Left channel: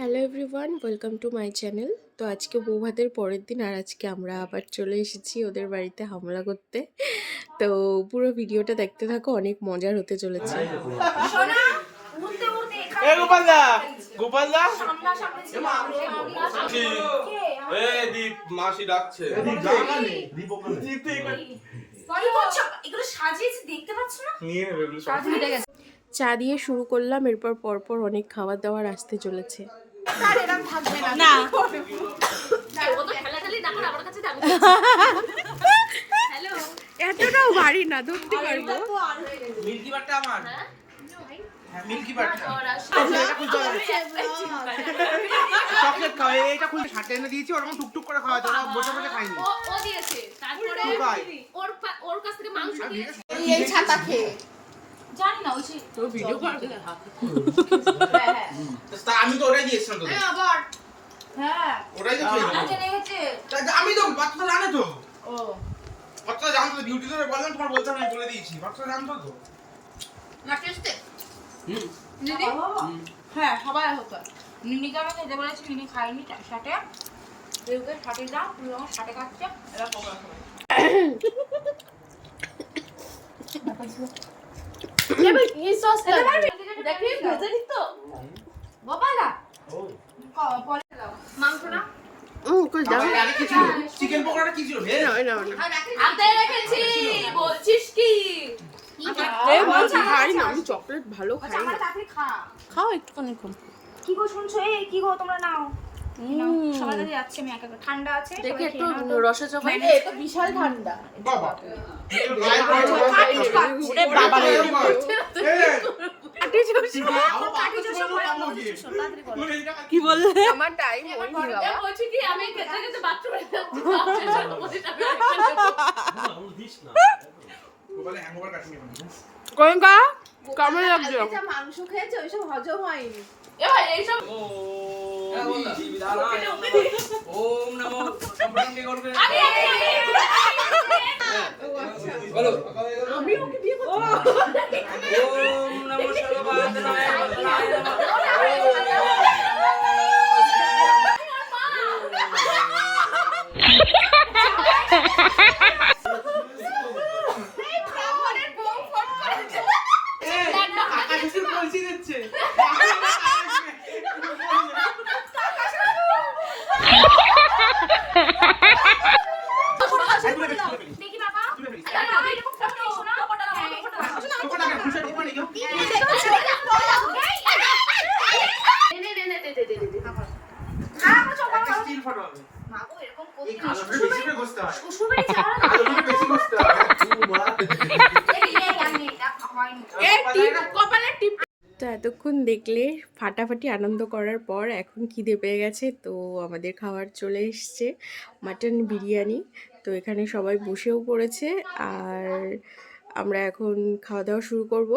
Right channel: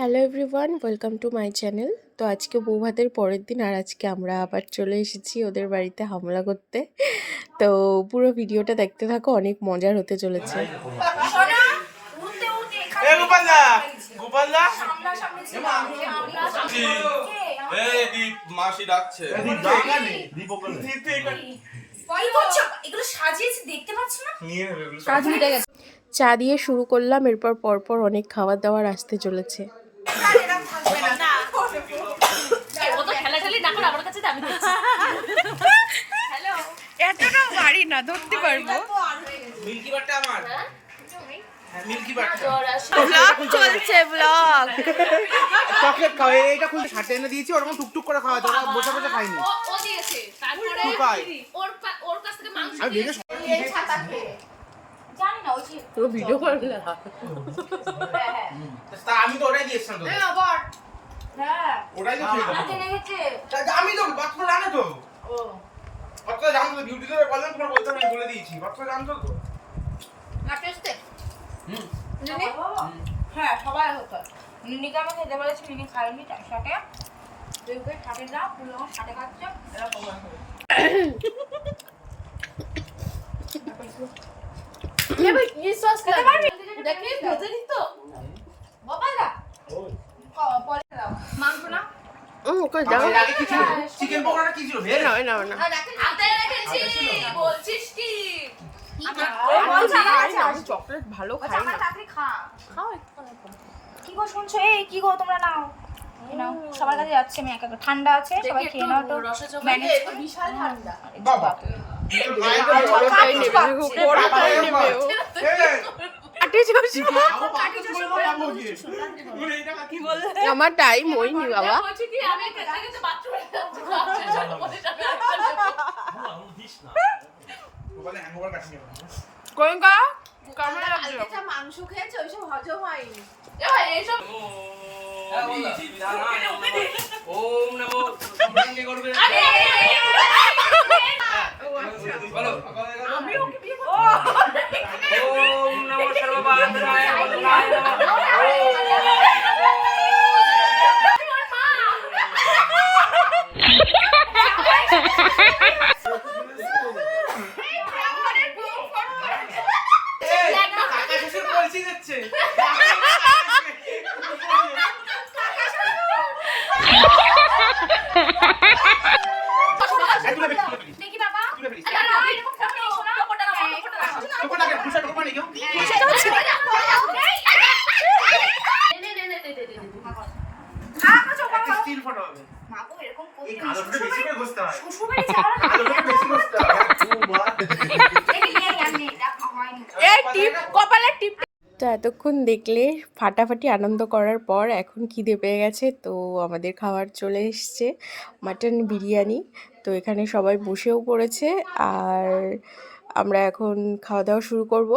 Hello everyone welcome to my channel তো আজকে বৌভাতের পরের দিন আর আজকে আমরা আবার চলে এসেছি ওদের বাড়িতে হামলা করতে। তো পুরো ভিডিওটা দেখতে থাকো অনেক মজার হতে চলেছে। মাসি ডাকছে। চা দিয়ে শুরু করলাম এরপর পরপর অনেক খাবার দাবার আসতে চলেছে। এতটাও ভারী না ধরতে পারব। মিল্কি বারটা আমার। হ্যাঁ মিল্কি বারটা ব্লগ চলছে ব্লগ। চকলেট খাও এই- খুব সাথে এনে দিয়েছি ওরকম টুকটুক করে খাওয়া যায় বসে বসে খাইনি। ও ও দিয়েছে। তারপরে ওর ওর কাছ থেকে মাংস আমি নিয়ে ভিডিও জানি না ওই যে পুরো ভিডিও করে তা আমি তো ওটাই দিয়েছিলাম তোকে। হ্যাঁ ওটাই তো খেয়ে তা আমি তো বাচ্চা জানে তো। ও। বাচ্চা জানতো তো ডিউটি ধরে বললেন তোমার বলতে আমি বলে দিয়েছি। বাচ্চা জানতো তো। না টেস্টে হ্যাঁ সবাই হতো মিনিকে আমি খেতে বলেছি মিনি খাইনি তার সাথে কেউকে সাথে না পুরো আমার সাথে খাচ্ছে। এবার কমার কি সস দেখি ভেজে দিত গোপালা পরে দাও মাংস না এর আগে কি ছিল চিকেন পকোড়াটা কি ছিল ভেজ আতে রেখেছি বলছিস কি খাই না আমি চকলেট ভালো খাই না খাও একটুখানি কি গো শুনছো? এই কি গো তোমরা নাও। নাও সবার কাছে যাচ্ছে আমি একা একা। ঠান্ডা আছে সবাই খেয়ে নাও রসে তো বিশাল ঠান্ডা। বাবা। কি বললে আমার টাইম হয়নি বাবা বলছি কি আমি খেতে খেতে বাথরুমে যাচ্ছি বাথরুমে যাব বলে আমি আরেকটা নেব কোনকা কেমন লাগছে মাংস খেয়েছে ওইসব হজম হয়নি ওম নমো আরে আরে, আরে, বলো আমি ওকে বিয়ে করতে ওম নমো সর্ববাদনায় মন্ত্রায় নমঃ কাকা শ্বশুর কলসি দিচ্ছে দেখি বাবা তুলে ফেলিস দাঁড়াও, আমি এরকম খাব, শোনো। হ্যাঁ, এটা খাব। টোকাটাকে খুশা টোকা নিয়ে নে, নে, নে, দে, দে, দে, দে, দে। আর কোনো চোখ বাবা। স্টিল ফটো হবে মা গো, এরকম এই করতে কালোটা বেশি করে ঘষতে হয় শ্বশুরবাড়ি ছাড়া না। কালোটা বেশি ঘষতে হয় এই, এই, আমি এটা টিপ। তো এতক্ষণ দেখলে ফাটাফাটি আনন্দ করার পর এখন খিদে পেয়ে গেছে তো আমাদের খাবার চলে এসছে মাটন বিরিয়ানি। তো এখানে সবাই বসেও পড়েছে আর আমরা এখন খাওয়া দাওয়া শুরু করব।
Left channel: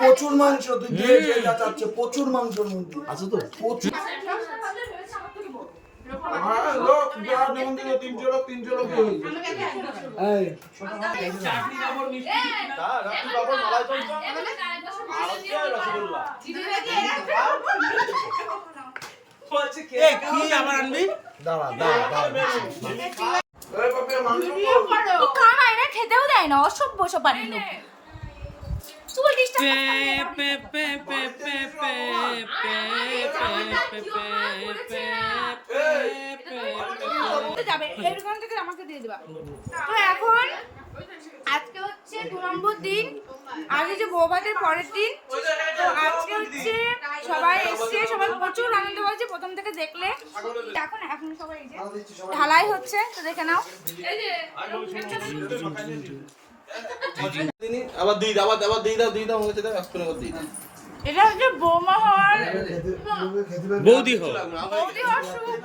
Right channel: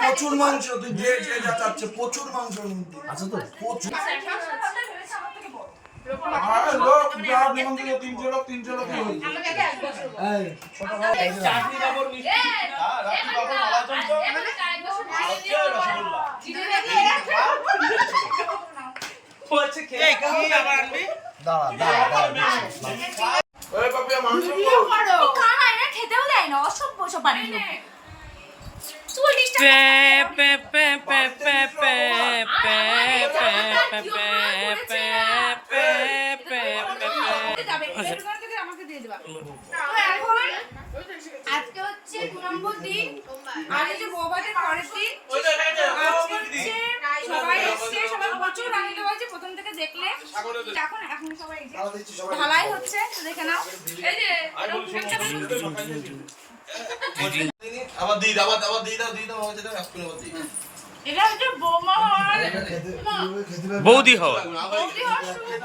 প্রচুর মাংস তুই দিয়ে যে যা চাচ্ছে প্রচুর মাংস মধ্যে আছে তো প্রচুর হয়ে রসগোল্লা খেতেও দেয় না অসভ্য সব থেকে আমাকে দিয়ে দিবা। তো এখন আজকে হচ্ছে দু নম্বর দিন আগে যে বৌভাতের পরের দিন আজকে হচ্ছে সবাই এসছে সবাই প্রচুর আনন্দ হয়েছে প্রথম থেকে দেখলে। এখন এখন সবাই ঢালাই হচ্ছে তো দেখে নাও। এই যে আবার দিয়ে আবার আবার দিয়ে দাও দিয়ে দাও হচ্ছে দাও এক্ষুনি আবার দিয়ে এটা হচ্ছে বৌমা হওয়ার বৌদি হও বৌদি হওয়ার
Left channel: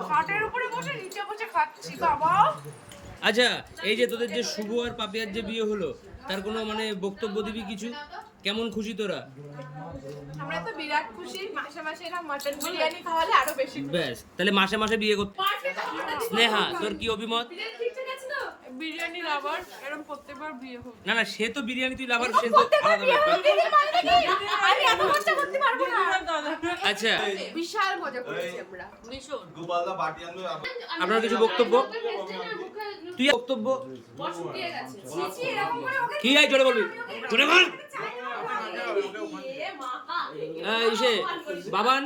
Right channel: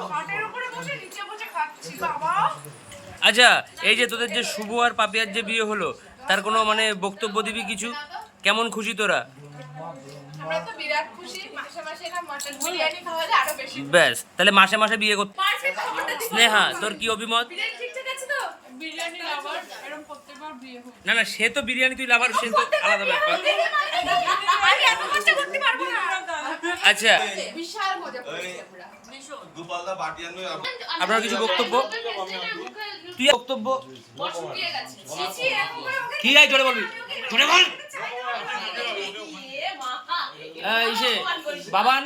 খাটের উপরে বসে নিচে বসে খাচ্ছি বাবা আচ্ছা এই যে তোদের যে শুভ আর পাপিয়ার যে বিয়ে হলো তার কোনো মানে বক্তব্য দিবি কিছু? কেমন খুশি তোরা? আমরা তো বিরাট খুশি মাসে মাসে না মটন বিরিয়ানি খাওয়ালে আরও বেশি ব্যাস তাহলে মাসে মাসে বিয়ে করতে স্নেহা তোর কি অভিমত? বিরিয়ানি লাভার এরকম প্রত্যেকবার বিয়ে হোক। না না সে তো বিরিয়ানি তুই লাভার সে তো আলাদা ব্যাপার। আচ্ছা। বিশাল মজা করেছি আমরা। দুপাল্লা বাটি আনলে আপনার কিছু বক্তব্য? তুই বক্তব্য? কি আই জোরে বলবি? জোরে বল। ইসে বাবান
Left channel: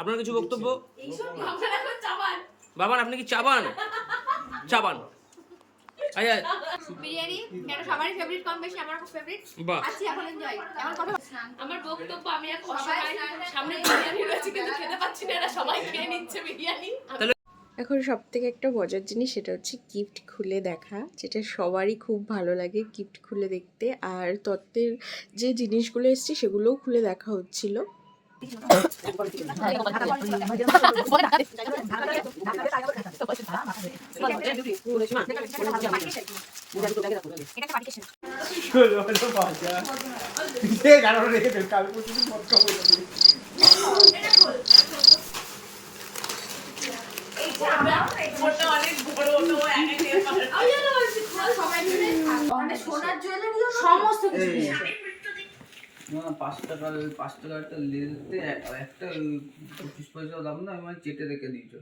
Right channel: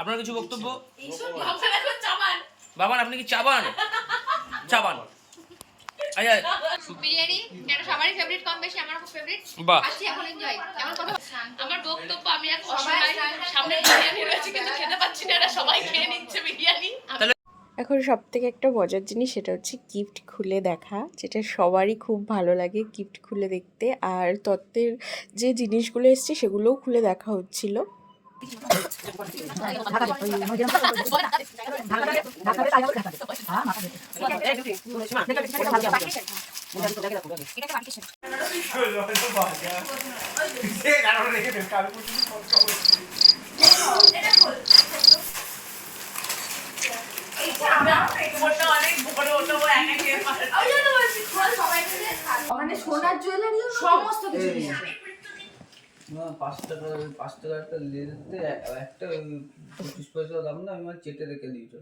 আপনার কিছু বক্তব্য? বাবান আপনি কি চাবান? চাবান। আচ্ছা বিরিয়ানি এটা সবারই ফেভারিট কম বেশি আমার খুব ফেভারিট আছি এখন এনজয় এখন কথা আমার বক্তব্য আমি এক অসহায় সামনে বিরিয়ানি রয়েছে কিন্তু খেতে পাচ্ছি না এরা সবাই খেয়ে নিচ্ছে বিরিয়ানি। এখন সব থেকে একটা মজার জিনিস সেটা হচ্ছে গিফট খুলে দেখা, যেটা সবারই খুব ভালো লাগে গিফট খুলে দেখতে। আর তত্ত্বের যে জিনিসগুলো এসছে সেগুলোও খুলে দেখা হচ্ছিল। মানে সোনার জুয়েলারি সমস্ত কিছু পাঁচ টাকা পাঁচ টাকা একটা লেতে একটা পঁচিশ পয়সা দাম না আমি মানে চেটে রেখে দিয়েছ।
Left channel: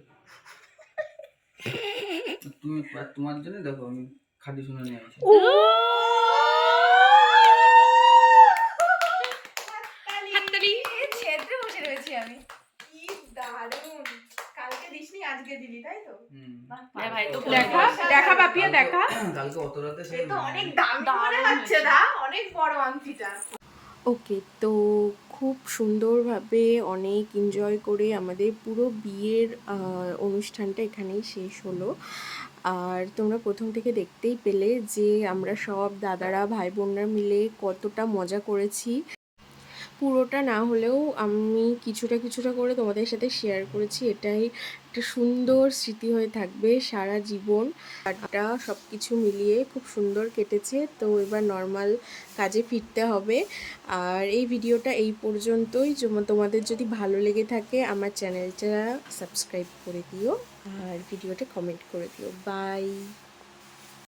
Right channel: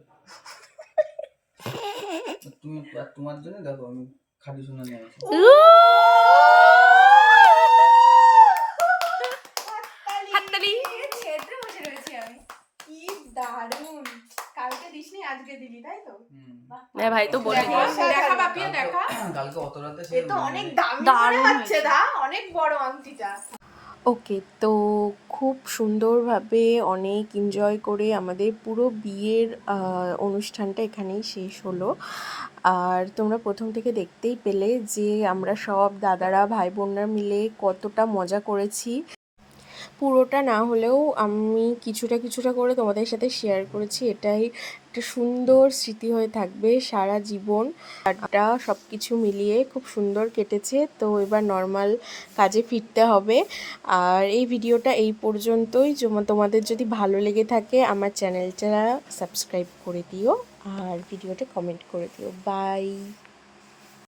তুমি তোমার জন্য দেখো আমি খাঁটি সোনা নিয়ে আসি হাততালি। ছেড়ে বসে রয়েছি আমি। কি দিসনি আজকে দিলি তাই তো? হুম। ভাই তো দেখো দেখা বাপিয়ে দেখা? কালকে অত রাতে সে তো অনেক দামি হচ্ছে দা অনেক বড় আংটিটা। ওকে তো খুব সুন্দরভাবে অনেক এনজয় করে আমাদের পুরো বিয়ের অনুষ্ঠানটা এখানেই শেষ হলো। আর তোমরা প্রথম থেকে দেখতেই পেলে যে আমরা সব দাদারা ভাই বোনরা মিলে কতটা মজা করেছি। পুরোটা না হলেও আমি কিছুটা কিছুটা করে তোমাদের সাথে শেয়ার করেছি এটাই একটা সুন্দর স্মৃতি হয়ে থাকবে সারা জীবন। এটা সব কিছু মিলিয়ে খুব সুন্দর কেটেছে। তো এবার নর্মাল কাজে ফিরতে হবে। আর এই ভিডিওটা এই পর্যন্তই। তোমাদের যদি ভালো লেগে থাকে, আমার চ্যানেলটা সাবস্ক্রাইব করে দিও। আর ভিডিওটা কমেন্ট করে দিও। বাই